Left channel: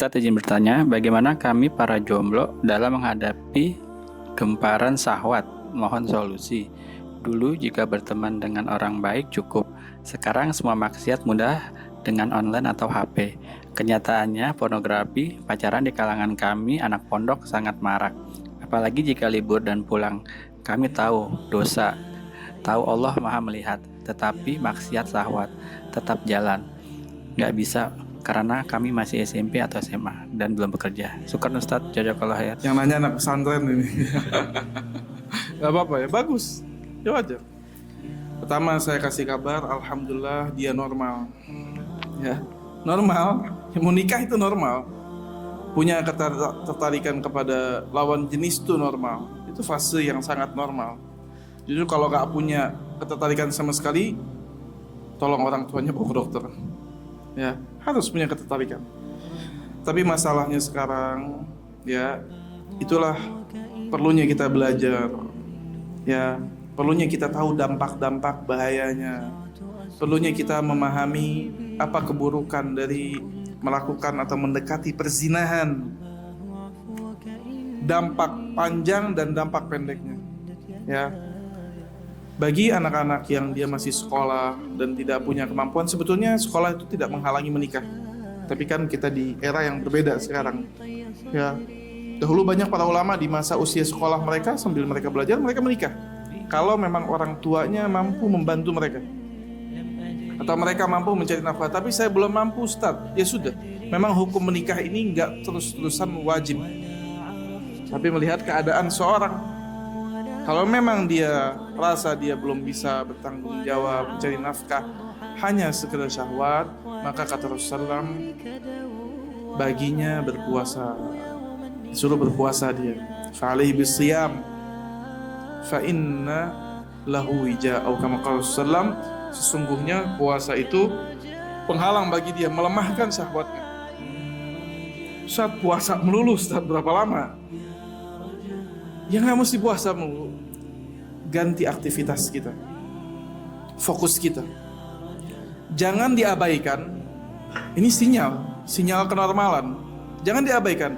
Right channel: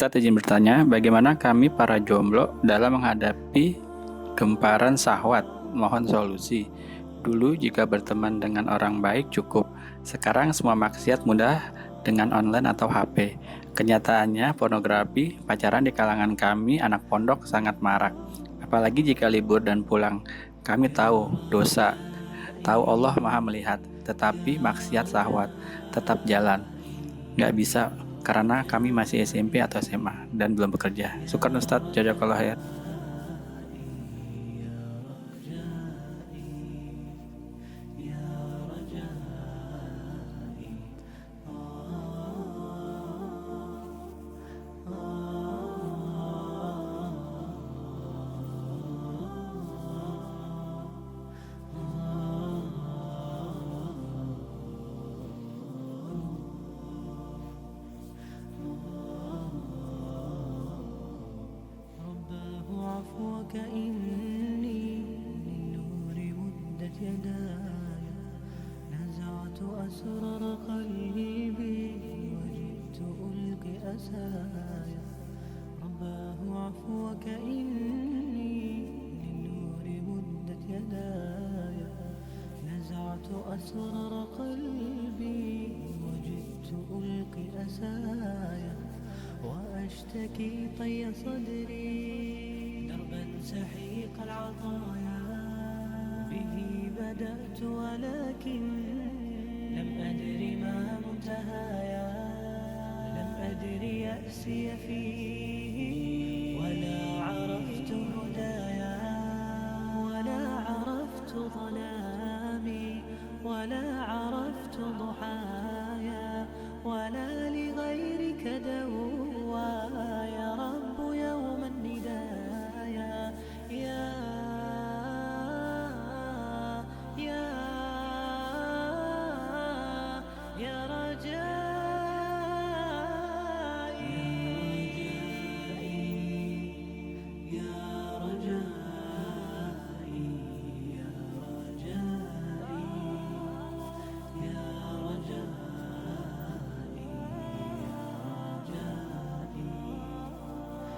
Ustadz izin bertanya, bagaimana kami para jomblo dalam menghadapi gemparan syahwat? Mohon solusi. Dulu jika berteman dengan orang baik cukup, sekarang semua maksiat mudah dengan online atau HP. Kenyataannya pornografi, pacaran di kalangan kami anak pondok sangat marak. Apalagi jika libur dan pulang. Kami tahu dosa, tahu Allah Maha melihat, tetapi maksiat syahwat tetap jalan. Nggak bisa karena kami masih SMP atau SMA dan belum bekerja. Syukur Ustadz, jazakallah khair. Yang nanya anak pesantren ini. Gak apa-apa ya, bagus. Ya wajar. Pertama saya kasih kabar, alhamdulillah dia normal. Ya, normal. Yang mau nikah itu normal. Punya ketertarikan kepada lawan jenis itu normal. Itu fase yang sangat normal. Justru kalau gak punya ketertarikan sama sekali, tolong orang tuanya bawa ke dokter. Ya, harus punya ketertarikan. Tapi masalahnya sekarang, ya, itulah perlunya kita belajar. Ya, perlunya kita tahu dampak-dampak bahayanya. Perlunya kita memahami apa keburukan dari melakukan atau mendekati perzinahan. Dampak panjang dan dampak pendeknya. Ya. Bagi anak-anak yang dia masih sekolah dan tidak punya kemampuan, sebetulnya sekolah itu tidak menghalangi menikah. Tapi kan kita di era yang berbeda sekarang. Ya. Dahulu banyak para ulama di masa usia sekolah mereka, sambil mereka belajar, mereka menikah. Kalau memang orang tuanya mampu membantu mereka, atau mereka mampu mencari nafkah. Tapi saya belum mampu, Ustaz. Ya sudah, memang hukum menikah ini enggak terus-terusan wajib. Tapi melihat keadaan seorang, kalau memang dia rasa dia belum bisa bertanggung jawab mencari nafkah, hanya sekedar syahwat, maka kata Rasulullah, baginya berpuasa. Suruh berpuasa dia. Fa'alaihi bisiyam fa inna lahu wija, atau kama qala sallam, sesungguhnya puasa itu penghalang bagi dia, melemahkan syahwatnya. Saat puasa melulu, Ustaz, berapa lama? Ya nggak mesti puasa melulu. Ganti aktivitas kita, fokus kita. Jangan diabaikan. Ini sinyal kenormalan. Jangan diabaikan.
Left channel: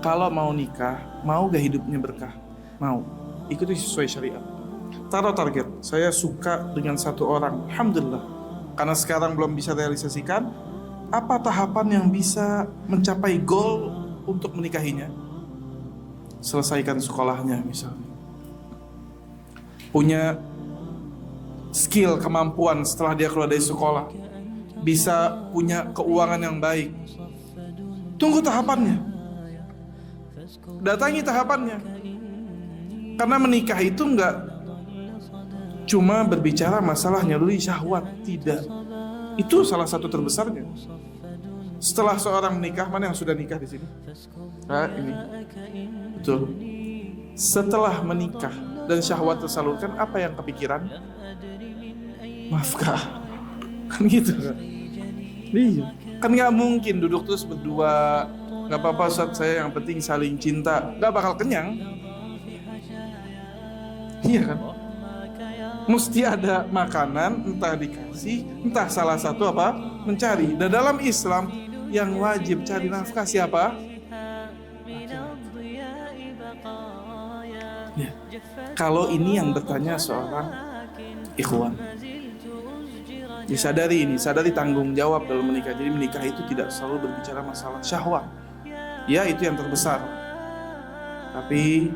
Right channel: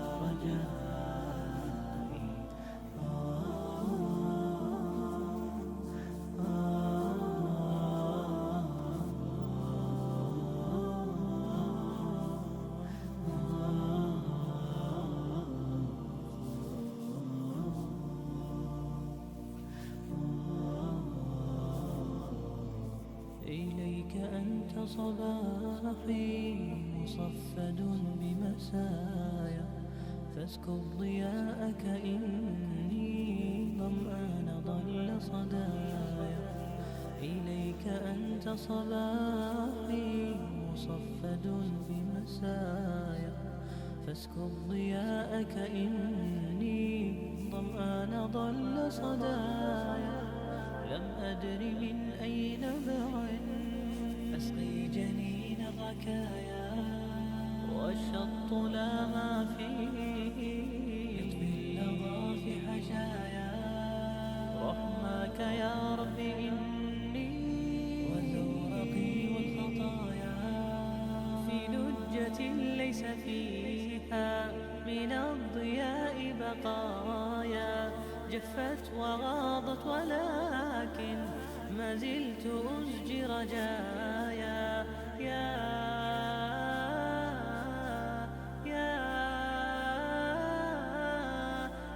Kalau mau nikah, mau gak hidupnya berkah? Mau. Ikuti sesuai syariat. Taruh target. Saya suka dengan satu orang. Alhamdulillah. Karena sekarang belum bisa realisasikan. Apa tahapan yang bisa mencapai goal untuk menikahinya? Selesaikan sekolahnya misalnya. Punya skill, kemampuan setelah dia keluar dari sekolah. Bisa punya keuangan yang baik. Tunggu tahapannya. Datangi tahapannya. Karena menikah itu enggak cuma berbicara masalah nyaluri syahwat, tidak. Itu salah satu terbesarnya. Setelah seorang menikah, mana yang sudah nikah di sini? Nah, ini. Betul. Setelah menikah dan syahwat tersalurkan, apa yang kepikiran? Nafkah. Kan gitu kan? Iya. Kan gak mungkin duduk terus berdua, gak apa-apa Ustaz, saya yang penting saling cinta. Gak bakal kenyang. Iya kan? Mesti ada makanan, entah dikasih, entah salah satu apa, mencari. Dan dalam Islam yang wajib cari nafkah siapa? Ya. Kalau ini yang bertanya seorang ikhwan, disadari ini, sadari tanggung jawab dalam menikah. Jadi menikah itu tidak selalu berbicara masalah syahwat. Ya, itu yang terbesar. Tapi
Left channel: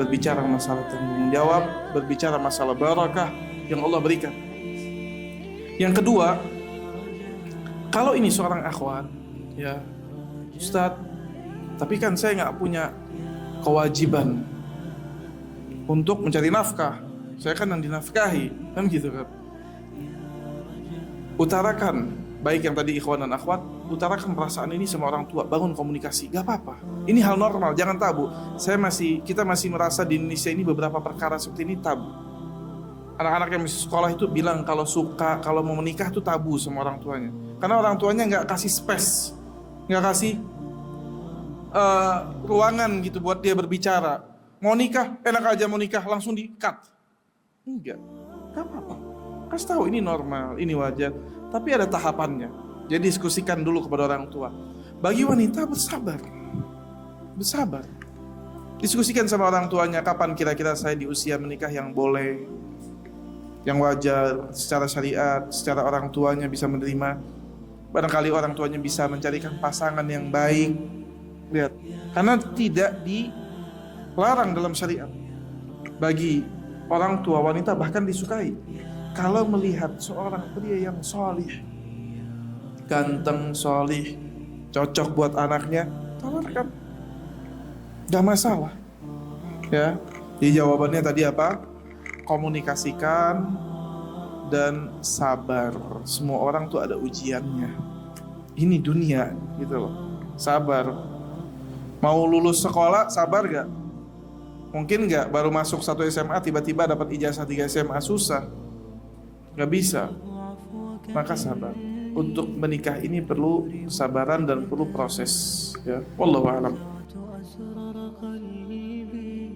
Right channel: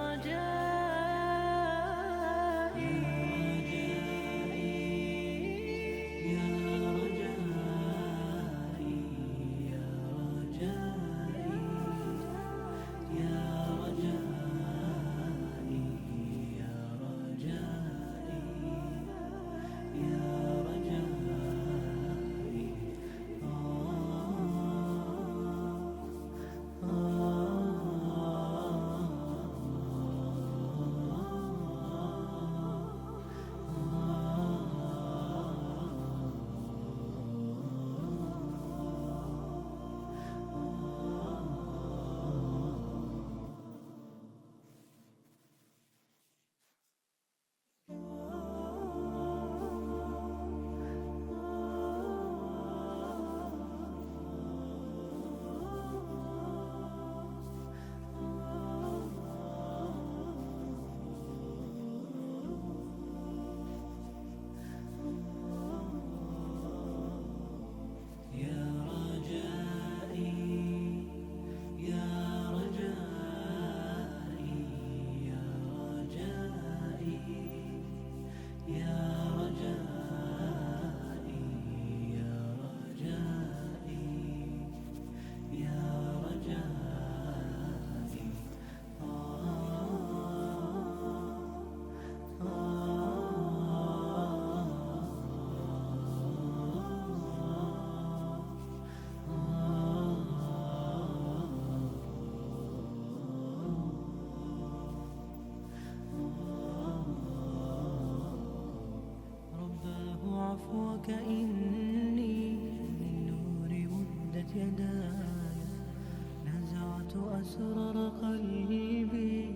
berbicara masalah tanggung jawab, berbicara masalah barakah yang Allah berikan. Yang kedua, kalau ini seorang akhwat, ya Ustaz, tapi kan saya nggak punya kewajiban untuk mencari nafkah. Saya kan yang dinafkahi, kan gitu kan. Utarakan, baik yang tadi ikhwan dan akhwat, utarakan perasaan ini sama orang tua, bangun komunikasi, gak apa-apa. Ini hal normal, jangan tabu. Kita masih merasa di Indonesia ini beberapa perkara seperti ini tabu. Anak-anak yang masih sekolah itu bilang kalau mau menikah itu tabu sama orang tuanya. Karena orang tuanya nggak kasih space, nggak kasih ruangan gitu buat dia berbicara. Mau nikah, enak aja mau nikah, langsung di-cut. Enggak, gak apa-apa. Kasih tahu ini normal, ini wajar. Tapi ada tahapannya. Jadi diskusikan dulu kepada orang tua. Bagi wanita bersabar. Bersabar. Diskusikan sama orang tuanya, kapan kira-kira saya di usia menikah yang boleh, yang wajar, secara syariat, secara orang tuanya bisa menerima. Barangkali orang tuanya bisa mencarikan pasangan yang baik. Lihat, karena tidak dilarang dalam syariat. Bagi orang tua wanita bahkan disukai kalau melihat seorang pria yang solih, ganteng, solih, cocok buat anaknya, tawarkan, gak masalah. Ya, di jawabannya tadi apa? Komunikasikan dan sabar. Semua orang tuh ada ujiannya. Ini dunia, gitu loh. Sabar. Mau lulus sekolah, sabar gak? Mungkin gak baru masuk 1 SMA tiba-tiba dapat ijazah 3 SMA, susah. Gak bisa. Maka sabar. Untuk menikah ini perlu kesabaran dan perlu proses. Ya, wallahu a'lam.